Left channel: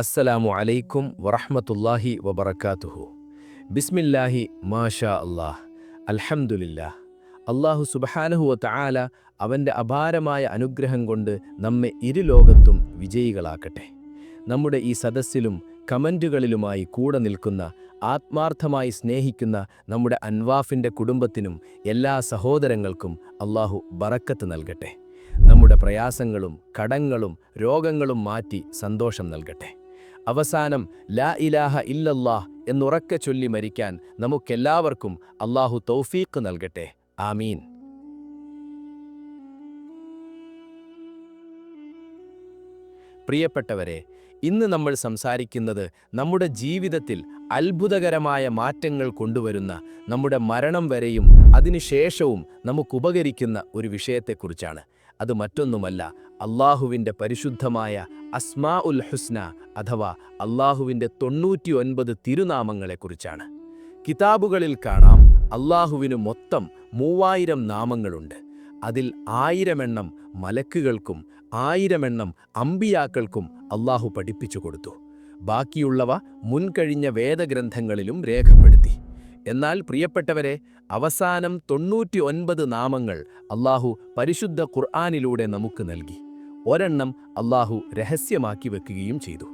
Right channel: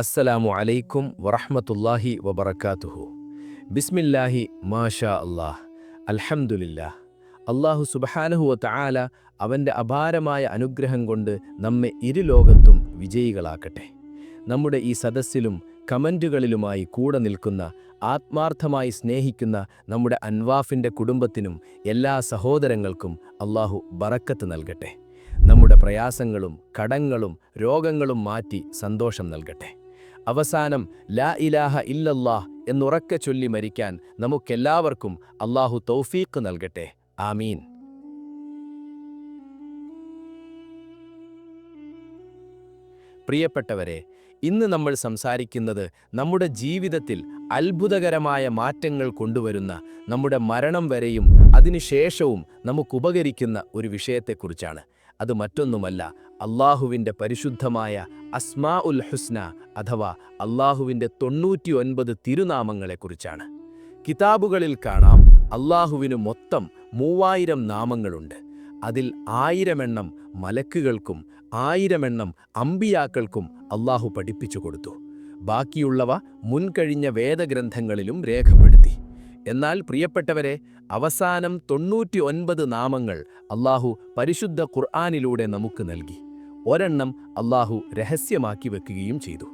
അസ്സലാമു അലൈക്കും വറഹമത്തല്ലാഹി വബർക്കാത്തുഹു ബിസ്മില്ലാഹി മാഷാ അള്ളാഹ്. അൽഹംദുലില്ലാഹ് അള്ളാഹു സുബ്ഹാനഹു വതആല അവന്റെ അപാരമായ അനുഗ്രഹം കൊണ്ട് നമ്മെ ഇരുലോകത്തും വിജയികളാക്കട്ടെ. നമ്മുടെ ഈ സദസ്സിലും കമന്റുകളിലുമായി കൂടെ നിൽക്കുന്ന ആത്മാർത്ഥമായി സ്നേഹിക്കുന്ന നമ്മുടെ അൻവാഫിന്റെ കുടുംബത്തിനും എല്ലാ സഹോദരങ്ങൾക്കും അള്ളാഹു ബറക്കത്ത് നൽകട്ടെ. നമ്മുടെ പ്രയാസങ്ങളും കടങ്ങളും രോഗങ്ങളും മാറ്റി സന്തോഷം നൽകട്ടെ. അവസാനം ലാ ഇലാഹ ഇല്ലല്ലാഹ് എന്നുറക്കെ ചൊല്ലി മരിക്കാൻ നമുക്കെല്ലാവർക്കും അള്ളാഹു തൗഫീഖ് നൽകട്ടെ. ആമീൻ. പ്രിയപ്പെട്ടവരെ ഇന്ന് നമ്മൾ സംസാരിക്കുന്നത് നമ്മുടെ ജീവിതത്തിൽ അത്ഭുതകരമായ മാറ്റങ്ങൾ കൊണ്ടുവരുന്ന നമ്മുടെ മരണം വരെയും അതിനുശേഷവും നമുക്കുപകരിക്കുന്ന ഒരു വിഷയത്തെക്കുറിച്ചാണ്. അത് മറ്റൊന്നുമല്ല അള്ളാഹുവിന്റെ പരിശുദ്ധമായ അസ്മാ ഉൽ ഹുസ്ന അഥവാ അള്ളാഹുവിന്റെ തൊണ്ണൂറ്റി ഒൻപത് തിരുനാമങ്ങളെക്കുറിച്ചാണ്. കിതാബുകളിൽ കാണാം അള്ളാഹുവിന് മൊത്തം മൂവായിരം നാമങ്ങളുണ്ട്. അതിൽ ആയിരമെണ്ണം മലക്കുകൾക്കും ആയിരമെണ്ണം അമ്പിയാക്കൾക്കും അള്ളാഹു പഠിപ്പിച്ചു കൊടുത്തു. ബാക്കിയുള്ളവ മുൻകഴിഞ്ഞ വേദഗ്രന്ഥങ്ങളിലും രേഖപ്പെടുത്തി. എന്നാൽ പ്രിയപ്പെട്ടവരെ അവസാനം തൊണ്ണൂറ്റി നാമങ്ങൾ അള്ളാഹു പരിശുദ്ധ ഖുർആാനിലൂടെ നമുക്ക് നൽകി. ഒരെണ്ണം അള്ളാഹു രഹസ്യമാക്കി വെക്കുകയും ചെയ്തു.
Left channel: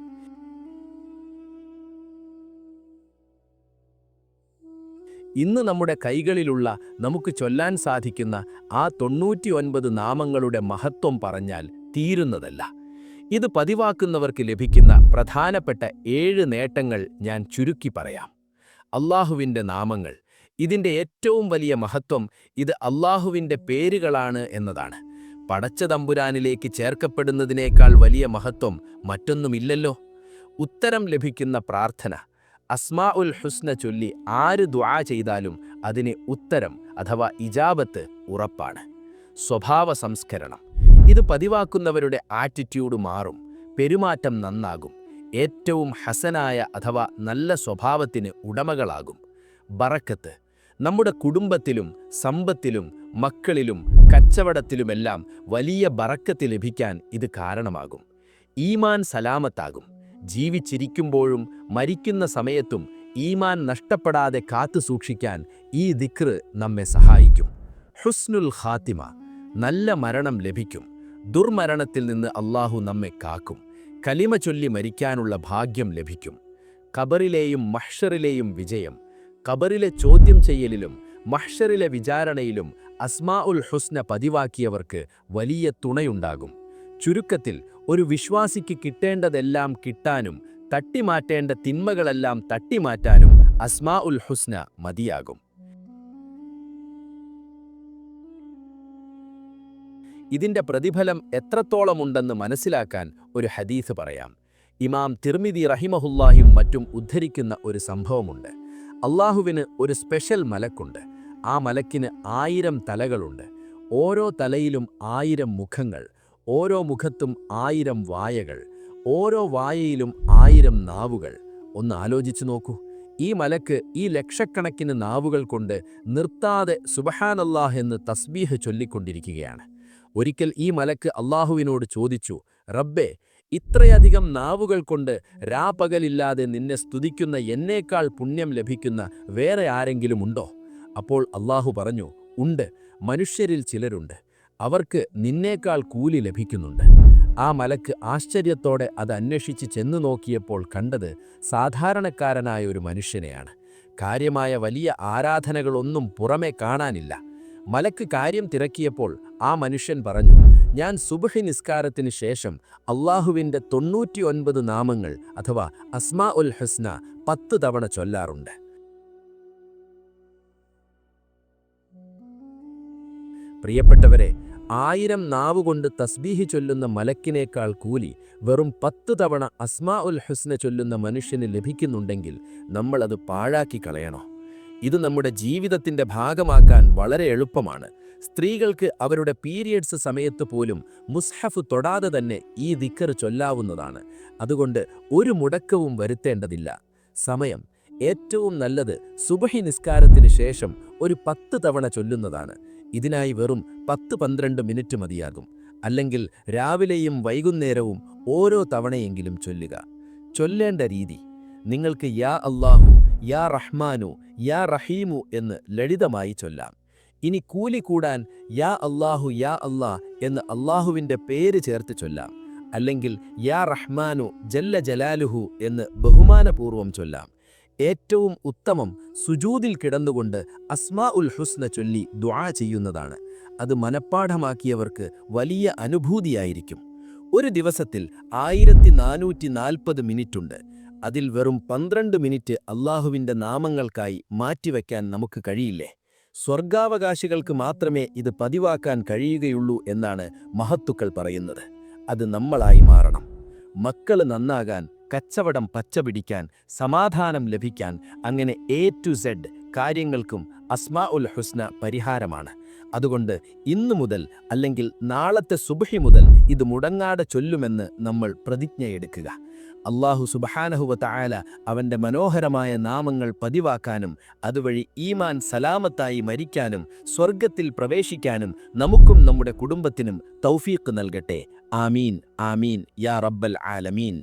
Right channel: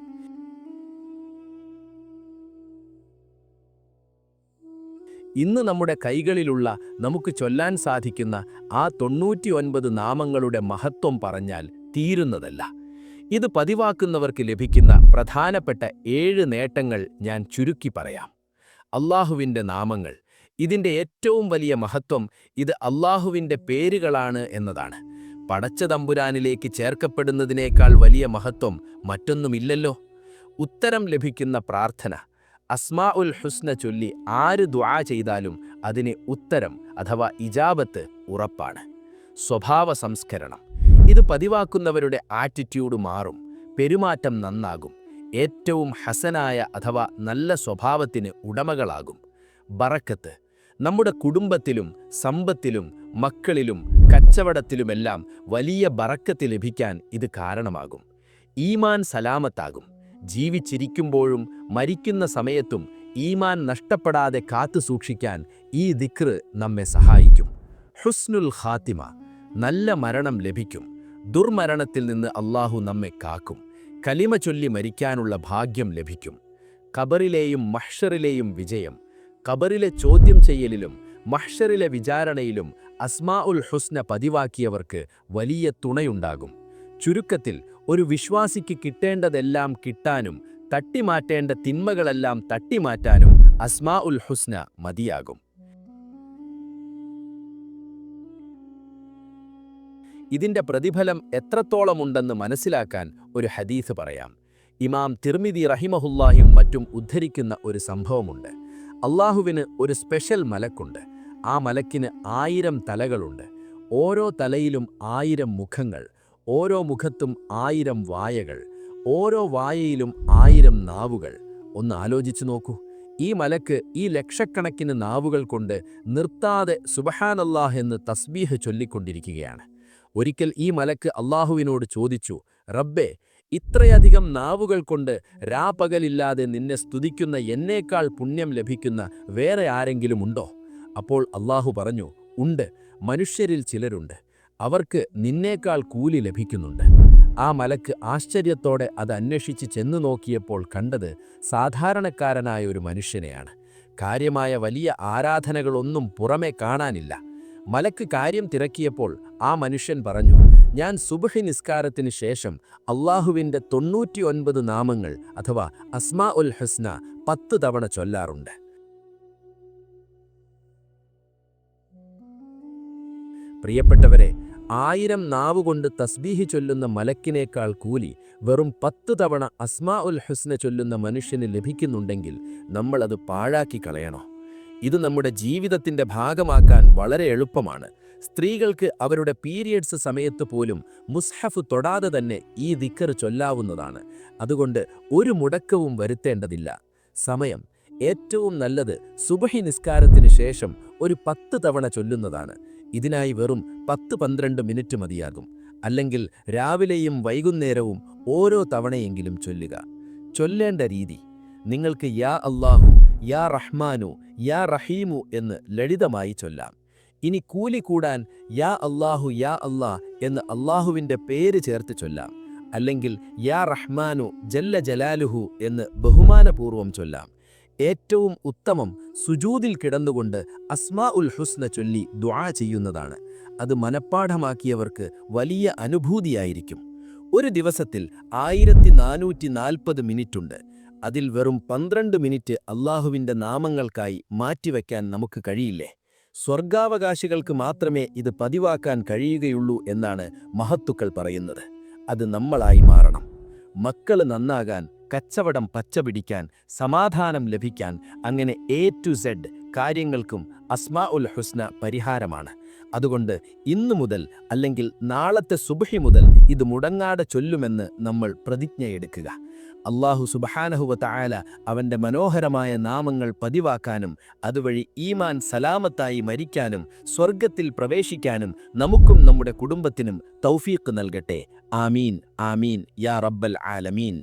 ഇന്ന് നമ്മുടെ കൈകളിലുള്ള നമുക്ക് ചൊല്ലാൻ സാധിക്കുന്ന ആ തൊണ്ണൂറ്റിയൊൻപത് നാമങ്ങളുടെ മഹത്വം പറഞ്ഞാൽ തീരുന്നതല്ല. ഇത് പതിവാക്കുന്നവർക്ക് ലഭിക്കുന്ന പ്രധാനപ്പെട്ട ഏഴ് നേട്ടങ്ങൾ ഞാൻ ചുരുക്കി പറയാം. അള്ളാഹുവിന്റെ നാമങ്ങൾ ഇതിന്റെ ഏറ്റവും വലിയ മഹത്വം ഇത് അള്ളാഹുവിന്റെ പേരുകളാണ് എന്നതാണ്. പടച്ച തമ്പുരാനിലേക്ക് ചേർക്കപ്പെടുന്നതിനേക്കാൾ വലിയ മഹത്വം മറ്റൊന്നുമില്ലല്ലോ. ഉത്തരം ലഭിക്കുന്ന പ്രാർത്ഥന. അസ്മാ ഉൽ ഹുസ്ന ചൊല്ലി ആര് ദ്വാ ചെയ്താലും അതിന് ഉത്തരം അഥവാ ഇജാബത്ത് ഉറപ്പാണ്. സ്വഭാവ സംസ്കരണം. ഇത് പതിവാക്കുന്നവരുടെ ആറ്റിറ്റ്യൂഡ് മാറും പെരുമാറ്റം നന്നാകും ഏറ്റവും ഹസനായ അഥവാ നല്ല സ്വഭാവത്തിന് ഉടമകളാകും. ബറക്കത്ത്. നമ്മുടെ കുടുംബത്തിലും സമ്പത്തിലും മക്കളിലും കച്ചവടത്തിലുമെല്ലാം വലിയ ബറക്കത്ത് ലഭിക്കാൻ ഇത് കാരണമാകും. ഈമാൻ സലാമത്താകും. ജീവിച്ചിരിക്കുമ്പോഴും മരിക്കുന്ന സമയത്തും ഈമാൻ നഷ്ടപ്പെടാതെ കാത്തു സൂക്ഷിക്കാൻ ഈ ദിക്ർ നമ്മെ സഹായിക്കും. ഹുസ്നുൽ ഖാത്തിമ നല്ല മരണം ലഭിക്കും. ദുർമരണത്തിൽ നിന്ന് അള്ളാഹു നമ്മെ കാക്കും. കലിമ ചൊല്ലി മരിക്കാനുള്ള ഭാഗ്യം ലഭിക്കും. ഖബറിലെയും മഹ്ഷറിലെയും വിജയം. ഖബറിലെ ചോദ്യം ചെയ്യലിലും മഹ്ഷറിലെ വിചാരണയിലും അസ്മാ ഉൽ ഹുസ്ന പതിവാക്കിയവർക്ക് വലിയ തുണയുണ്ടാകും. ചുരുക്കത്തിൽ ഒരു വിശ്വാസിക്ക് കിട്ടേണ്ടതെല്ലാം കിട്ടാനും തട്ടിമാറ്റേണ്ട തിന്മകളെല്ലാം തട്ടിമാറ്റാനും അസ്മാ ഉൽ ഹുസ്ന മതിയാകും. ഇതിന്റെ പ്രതിഫലം എത്രത്തോളമുണ്ടെന്ന് മനസ്സിലാക്കാൻ ഒരു ഹദീസ് പറയാം. ഇമാം തിർമിതി റഹിമഹുല്ലാഹിയും മറ്റും ഉദ്ധരിക്കുന്ന ഒരു സംഭവമുണ്ട്. അള്ളാഹുവിന് ഒരു സ്പെഷ്യൽ മലക്കുണ്ട്. ആ മലക്കിന് ആയിരം തലകളുണ്ട്. ഓരോ തലയിലും ആയിരം മുഖങ്ങൾ ഓരോ മുഖത്തും ആയിരം വായകൾ ഓരോ വായയിലും ആയിരം നാവുകൾ. ഒന്ന് ആലോചിച്ചു നോക്കൂ. ഈ മലക്ക് ഈ ലക്ഷക്കണക്കിന് നാവുകൾ കൊണ്ട് നിർത്താതെ സുബഹാനല്ലാഹ് എന്ന് തസ്ബീഹ് ചൊല്ലിക്കൊണ്ടിരിക്കുകയാണ്. ഒരിക്കൽ ഈ മലക്ക് അള്ളാഹുവിനോട് ചോദിച്ചു റബ്ബേ ഇത്രയധികം നാവുകൾ കൊണ്ട് രാപകലില്ലാതെ നിന്നെ സ്തുതിക്കുന്ന എന്നേക്കാൾ പുണ്യം ലഭിക്കുന്ന വേറെ ആരെങ്കിലും ഉണ്ടോ? അപ്പോൾ അള്ളാഹു പറഞ്ഞു ഉണ്ട് മനുഷ്യരിൽ ചിലരുണ്ട്. അവർക്ക് നിന്നേക്കാൾ കൂലി ലഭിക്കുന്നുണ്ട്. ആ മലക്ക് ആശ്ചര്യത്തോടെ അത് അന്വേഷിച്ച് ചെന്നു നോക്കിയപ്പോൾ കണ്ടത് സാധാരണക്കാരനായ ഒരു മനുഷ്യനെയാണ്. കാര്യമായ വലിയ ആരാധനകളൊന്നും പുറമെ കാണാനില്ല. മലക്ക് കാര്യം തിരക്കിയപ്പോൾ ആ മനുഷ്യൻ പറഞ്ഞു ഞാൻ സുബഹി നിസ്കാരത്തിന് ശേഷം അള്ളാഹുവിന്റെ തൊണ്ണൂറ്റി ഒൻപത് നാമങ്ങൾ അഥവാ അസ്മാ ഉൽ ഹസ്ന പത്ത് തവണ ചൊല്ലാറുണ്ട്. പ്രിയപ്പെട്ടവരെ ആയിരം നാവുകൊണ്ട് തസ്ബീഹി ചൊല്ലുന്ന മലക്കിനേക്കാൾ കൂലി വെറും പത്ത് തവണ അസ്മാ ഉൽ ഹുസ്ന ചൊല്ലുന്ന മനുഷ്യന് ലഭിക്കുന്നുണ്ടെങ്കിൽ നമ്മൾ അത് പാഴാക്കി കളയണോ? ഇത് നമ്മുടെ ജീവിതത്തിന്റെ ഭാഗമാക്കാൻ വളരെ എളുപ്പമാണ്. സ്ത്രീകൾക്ക് അവരുടെ പീരിയഡ്സ് സമയത്ത് പോലും മുസ്ഹഫ് തൊടാതെ തന്നെ ഈ ദിക്കർ ചൊല്ലാവുന്നതാണ്. അതുകൊണ്ട് ഒരു മുടക്കവും വരുത്തേണ്ടതില്ല. സമയം. ഏറ്റവും നല്ലത് സുബഹി നിസ്കാരത്തിന് ശേഷം ഒരു പത്ത് തവണ ചൊല്ലുന്നതാണ്. ഇതിനായി വെറും പത്ത് പന്ത്രണ്ട് മിനിറ്റ് മതിയാകും. അല്ലെങ്കിൽ രാവിലെയും വൈകുന്നേരവും ഓരോ തവണയെങ്കിലും ചൊല്ലുക. ചൊല്ലേണ്ട രീതി. നിങ്ങൾക്ക് യാ അള്ളാഹു യാ റഹ്മാനു യാ റഹീമു എന്ന് ലളിതമായി ചൊല്ലാം. ഇനി കൂലി കൂടാൻ യാ അള്ളാഹു യാ അള്ളാ എന്ന് അള്ളാഹുവിന്റെ പേര് ചേർത്ത് ചൊല്ലാം. അല്ലെങ്കിൽ യാ റഹ്മാനു ജല്ല ജലാലുഹു എന്ന് ബഹുമാനപൂർവം ചൊല്ലാം. ഏറ്റവും ഉത്തമം സുജൂതിൽ കിടന്നുകൊണ്ട് അസ്മാ ഉൽ ഹുസ്ന ചൊല്ലി ദ്വാ ചെയ്യുന്നതാണ്. അത് മനഃപ്പാഠമാക്കിയവർക്ക് വലിയ അനുഭൂതിയായിരിക്കും. ഒരു ദിവസത്തിൽ ആയിരത്തി നാനൂറ്റി നാൽപ്പത് മിനിറ്റുണ്ട്. അതിൽ വെറും പന്ത്രണ്ട് മിനിറ്റ് അള്ളാഹുവിന്റെ നാമങ്ങൾക്കായി മാറ്റിവെക്കാൻ നമുക്ക് കഴിയില്ലേ? സ്വർഗാവകാശികൾക്ക് മാത്രമേ ഇത് പതിവാക്കാൻ കഴിയുകയുള്ളൂ എന്നാണ് മഹത്തുക്കൾ പറയുന്നത്. അത് നമ്മളായി മാറണം. മക്കൾ നന്നാകാൻ കച്ചവടം പച്ചപിടിക്കാൻ സമാധാനം ലഭിക്കാൻ അങ്ങനെ എ ടു സെഡ് കാര്യങ്ങൾക്കും അസ്മാ ഉൽ ഹുസ്ന പരിഹാരമാണ്. അതുകൊണ്ട് ഇന്നു മുതൽ അല്ലെങ്കിൽ നാളത്തെ സുബഹി മുതൽ ഇത് മുടങ്ങാതെ ചൊല്ലുമെന്ന് നമ്മൾ പ്രതിജ്ഞയെടുക്കുക. അള്ളാഹു സുബഹാനഹുവത്തായാല അവന്റെ മനോഹരമായ നാമങ്ങൾ പതിവാക്കാനും അതുവഴി ഈമാൻ സലാമത്തായി മരിക്കാനും സ്വർഗത്തിൽ പ്രവേശിക്കാനും നമുക്കും നമ്മുടെ കുടുംബത്തിനും തൗഫീഖ് നൽകട്ടെ. ആമീൻ ആമീൻ യാ റബ്ബൽ ആലമീൻ.